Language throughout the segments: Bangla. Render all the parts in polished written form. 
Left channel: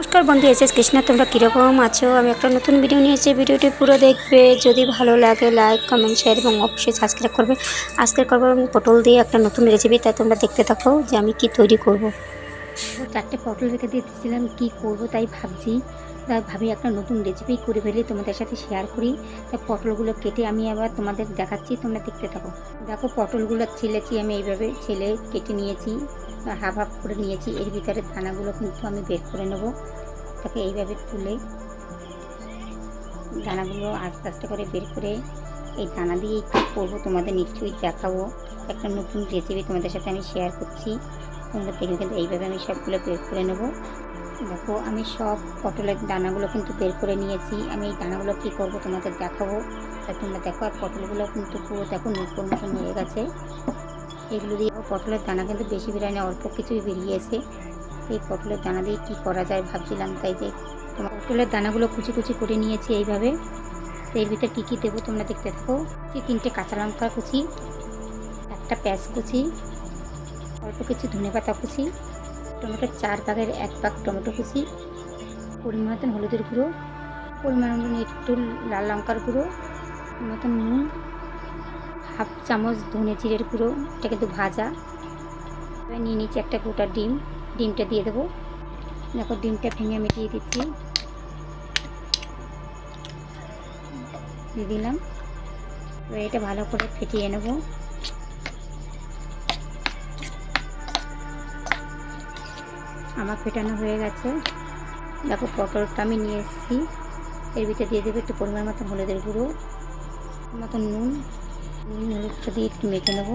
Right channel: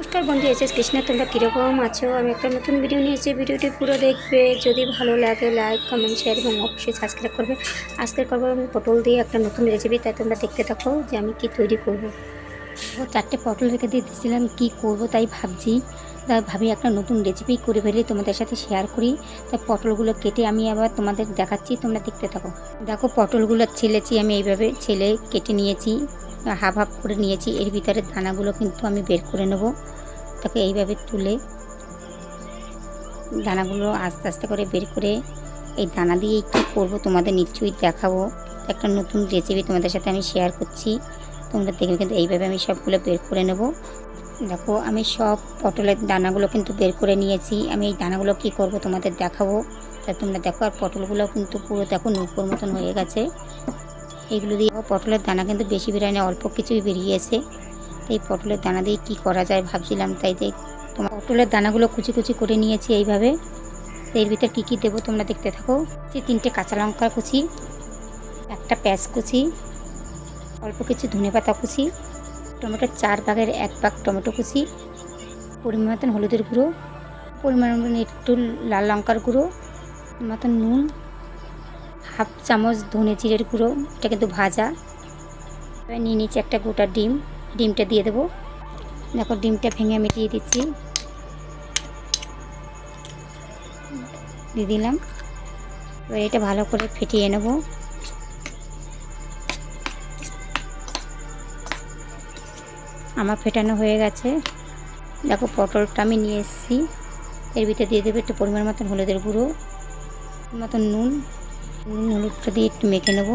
নমস্কার বন্ধু, এসএস কৃষ্ণা। তোমরা কীরকম আছো? আমি একটা নতুন ভিডিও নিয়ে এসেছি। ভিডিওটি পুরো দেখবে, যদি ভালো লাগে লাইক কমেন্ট শেয়ার এবং অবশ্যই সাবস্ক্রাইব করবে। আজকের করবো আমি পটল দিয়ে একটা নতুন রেসিপি, তাই তোমরা দেখতে থাকো যে আমি কি তৈরি করব। 4টে পটল রেখে দিয়েছিলাম, কি করব তাই ভাবি একটা নতুন রেসিপি করে ফেলি, তোমাদের সাথে শেয়ার করি। তাই পটলগুলো কেটে আমি আবার তোমাদের দেখাচ্ছি, তোমরা দেখতে থাকো। দেখো, পটলগুলো ছেলেছি আমি, এইভাবে ছেলে কেটে নিয়েছি, হাফ হাফ করে নিয়েছি। এর ভিতরে দানাগুলো কিন্তু আমি বের করে নেব। তাকে এইভাবে তুলে দানাগুলো আস্তে আস্তে করে বের করে এই দানা দিয়েই কী করবো তোমাদের নিশ্চয়ই দেখাবো। একটা নতুন রেসিপি তোমাদের সাথে আমি শেয়ার করছি, তোমরা দেখবে। কিন্তু এইভাবে আমি সবগুলো বের করে নেব। দেখো, আমি সব পটলের দানাগুলো কিন্তু বের করে নিয়েছি। আমি এই দানাগুলো কী করব তোমাদের দেখাবো, তা তোমরা দেখো। আর পটলগুলো কিন্তু পুরো দেখো নূপুর মতন হয়ে গেছে। এইগুলো দিয়ে পটলের দানা কিন্তু বেশি বেরোয়, অল্প কিছুই বেরিয়েছে। এই পটলের দানা দিয়ে কী করা যায় ভাবছিলাম, তাই তোমার পটলের দানাগুলো কুচি কুচি করে নিয়েছি এইভাবে। এর ভিতরে কী কী দেবো তোমরা দেখতে থাকো। 3টে কাঁচা লঙ্কা কুচি, একটা পেঁয়াজ কুচি, অল্প কিছু ধনেপাতা কুচি, টমেটো 4 ভাগের 1 ভাগ টমেটো কুচি, পরিমাণ মতন হলুদের গুঁড়ো, পরিমাণ মতন একটু লাল লঙ্কার গুঁড়ো, মতন নুন, হাফ চামচ ধনে জিরের গুঁড়ো, এটা কিন্তু ভাজা। এবার নিয়ে নিচ্ছি একটা গোটা ডিম, ডিমটা দিয়ে দেবো। দেখো, ডিমটা ভেঙে আমি দিয়ে দিচ্ছি, দিয়ে দিলাম। এবার এটা ভালো করে ফেটিয়ে নেব। আমার ফেটানো হয়ে গেছে। দেখো, পটলটা আমি নিয়ে এসেছি, এর ভিতরে দিয়ে দেবো একটু পরিমাণ মতন হলুদের গুঁড়ো, মতন নুন, হলুদটা দিয়ে একটু মেখে নেব।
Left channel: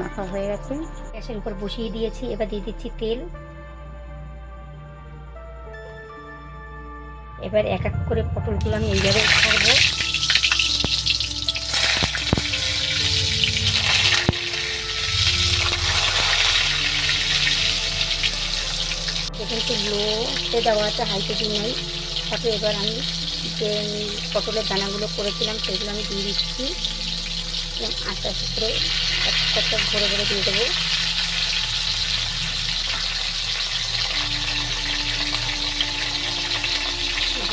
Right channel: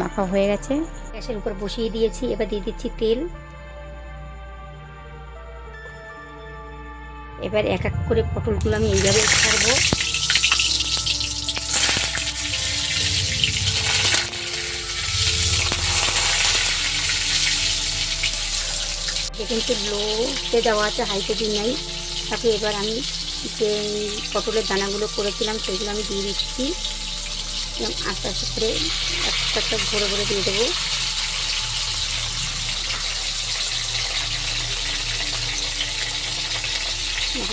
মাখা হয়ে গেছে, গ্যাসের উপর বসিয়ে দিয়েছি। এবার দিয়ে দিচ্ছি তেল। এবার এক এক করে পটলগুলো আমি এইভাবে ছাড়বো। কিন্তু লোতে দেওয়া আছে, হাইতে দিই নাই। তারপরে এবার আমি যে পটলের দানাগুলো করেছিলাম সেগুলো আমি দিয়ে দিচ্ছি। আস্তে আস্তে করে একটা একটা ভরে ভরে দিয়ে দেবো।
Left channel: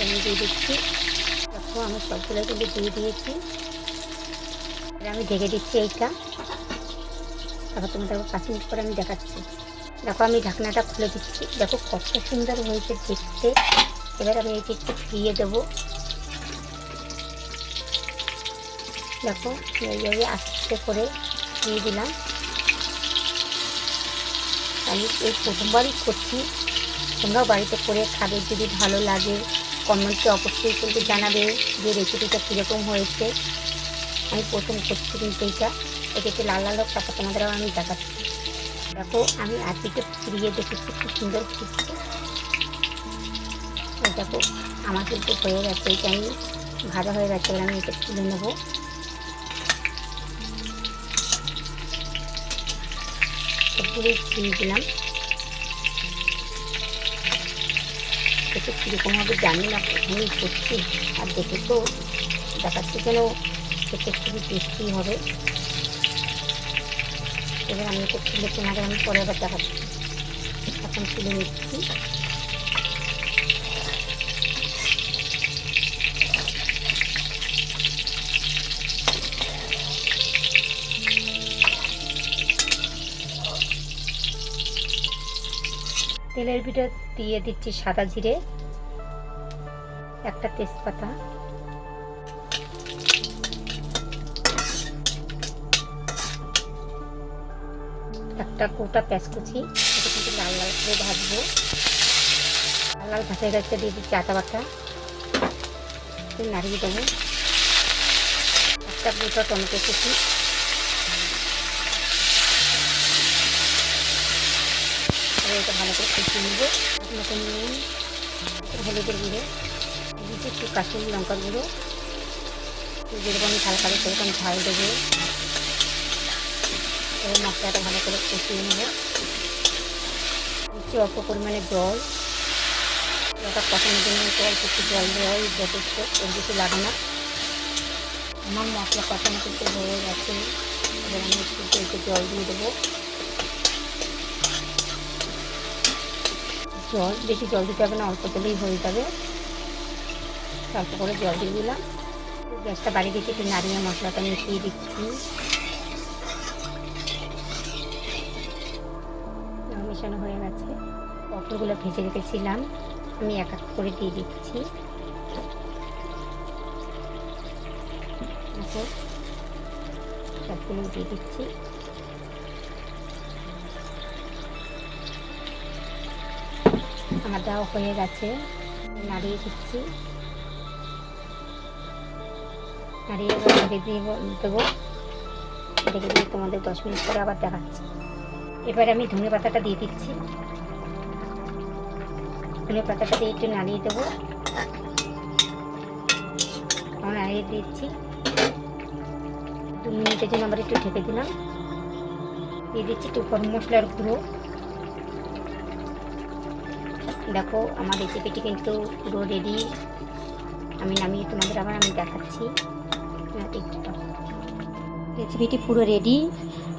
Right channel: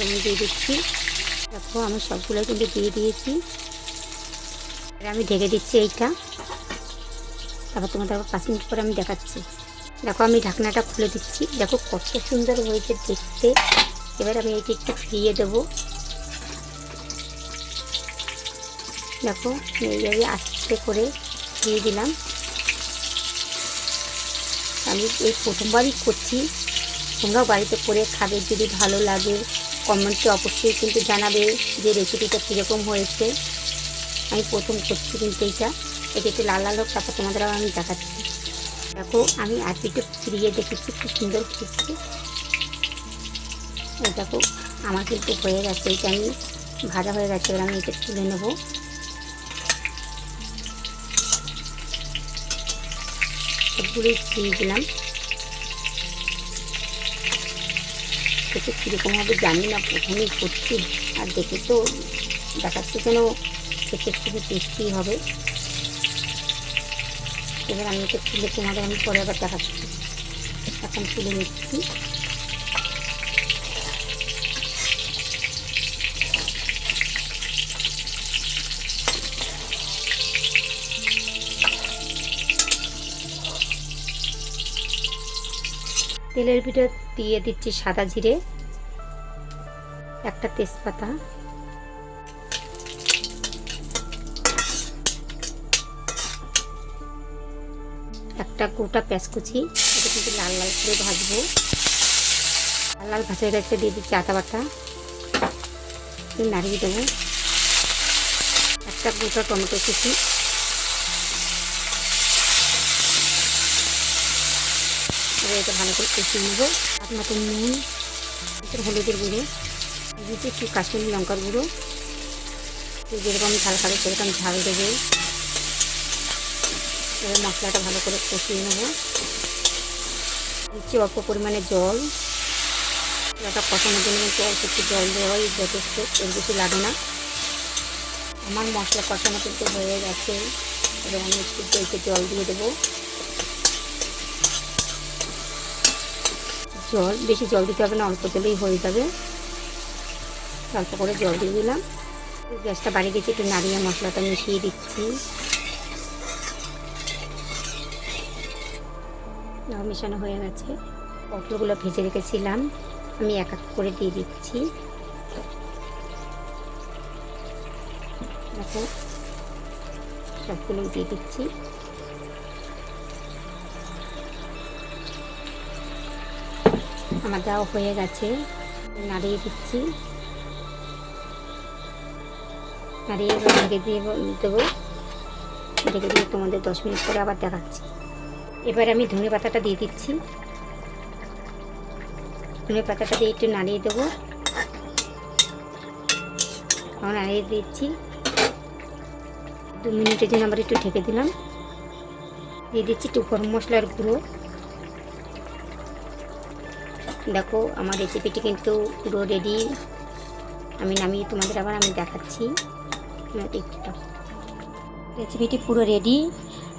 আমি দিয়ে দিচ্ছি। দেখো, আমি সবগুলো কিন্তু দিয়ে দিয়েছি। এবার আমি ঢেকে দিচ্ছি এইটা। তারপর তোমাদের 5 মিনিট পরে আমি দেখাচ্ছি। দেখো, আমি ঢাকনাটা খুলে দিচ্ছি। দেখো কত সুন্দর হয়েছে দেখতে। এবার আমি এইটা একটু ফিরিয়ে দেবো। দেখো, এইভাবে আস্তে করে দিয়ে দিলাম। আমি এই প্রথমবারই করছি, তোমরা বাড়িতে করে খাবে। যদি ভালো লাগে কমেন্টে অবশ্যই কিন্তু জানাবে যে রেসিপিটা কীরকম হয়েছে। আমি প্রথম করছি কিন্তু এটা একটু লাল লাল হোক, তারপর তোমাদের আমি দেখাচ্ছি। দেখো, আমি আর পিঠে ফিরিয়ে দেখেছি, খুব সুন্দর ফুটছে। দেখো, আমার কিন্তু হয়ে গেছে, এটা আমি ভাজা হয়ে গেছে। এবার আমি এটা তুলে নেবো। সবগুলোই দিয়ে দিলাম। দেখে কীরকম হবে জানি না, প্রথমেই করছি। আর দেখে তো দেখাচ্ছি যেন খেতে খুবই টেস্টি হবে। এবার আমি এটা তুলে তোমাদের আমি পরে আবার দেখাচ্ছি। এখন তুলে নিচ্ছি। তেলের ভিতরে দিয়ে দিচ্ছি সাদা জিরে, একটা তেজপাতা, একটা গোটা পেঁয়াজ কুচি। এটা কিন্তু লাল লাল করে ভাজবো। লাল লাল ভাজা গেছে, দিয়ে দিচ্ছি আদা বাটা, নাড়িয়ে দেবো। একটা গোটা টমেটো কুচি, এটা ভালো করে কষিয়ে নেবো। মতো নুন, হলুদের গুঁড়ো, দিচ্ছি একটু কাশ্মীরি লঙ্কার গুঁড়ো। যেরকম ঝাল খাবে সেরকম ঝাল দেবো। এবার মশলাটা ভালো করে কষিয়ে নেবো। দিচ্ছি অল্প পরিমাণে জল। মশলাটা কষানোর জন্য অল্প একটু জল দেওয়া যথেষ্ট, এর বেশি লাগে না। আমার মশলা কষানো কিন্তু হয়ে গেছে। এবার আমি একটু জল দিয়ে দেবো। জল, বেশি জল দিতে হবে না, অল্প জলেই হয়ে যাবে। অল্প করে জল দিয়ে দিলাম। গ্যাসটা বাড়িয়ে দিচ্ছি, একটু নাড়িয়ে মশলাটা মিশিয়ে দিচ্ছি। মেশানো হয়ে গেছে। পটলগুলো ভেজে রেখেছিলাম আমি এক এক করে দিয়ে দিচ্ছি। দেখো সবগুলো দিয়ে দিচ্ছি। আমার দেওয়া হয়ে গেছে, নাড়িয়ে দিচ্ছি। নাড়িয়ে ঢেকে দিয়ে দেবো। ঢেকে দিয়ে তোমাদের 10 মিনিট পরে আবার দেখাচ্ছি। এবার আমি ধনে পাতাটা দিয়ে দিচ্ছি। ধনে পাতাটা দিয়ে একটু নাড়িয়ে দেবো। নাড়িয়ে দিচ্ছি। 2 মিনিটের জন্য আবার একটু ঢেকে দিলাম। দিয়ে দিচ্ছি একটু গরম মশলার গুঁড়ো। দেখো আমার রেসিপিটি কিন্তু পুরো রেডি। আমি নামিয়ে তোমাদের আবার আমি দেখাচ্ছি। রেসিপিটি পুরো রেডি।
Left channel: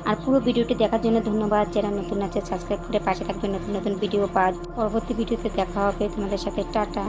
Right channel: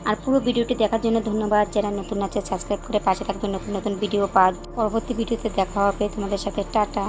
আর পুরো ভিডিওটি দেখার জন্য ধন্যবাদ। যারা নতুন আছে সাবস্ক্রাইব করে পাশে থাকবে, নতুন নতুন ভিডিও পাওয়ার। পরবর্তী ভিডিওতে দেখা হবে তোমাদের সাথে। টাটা।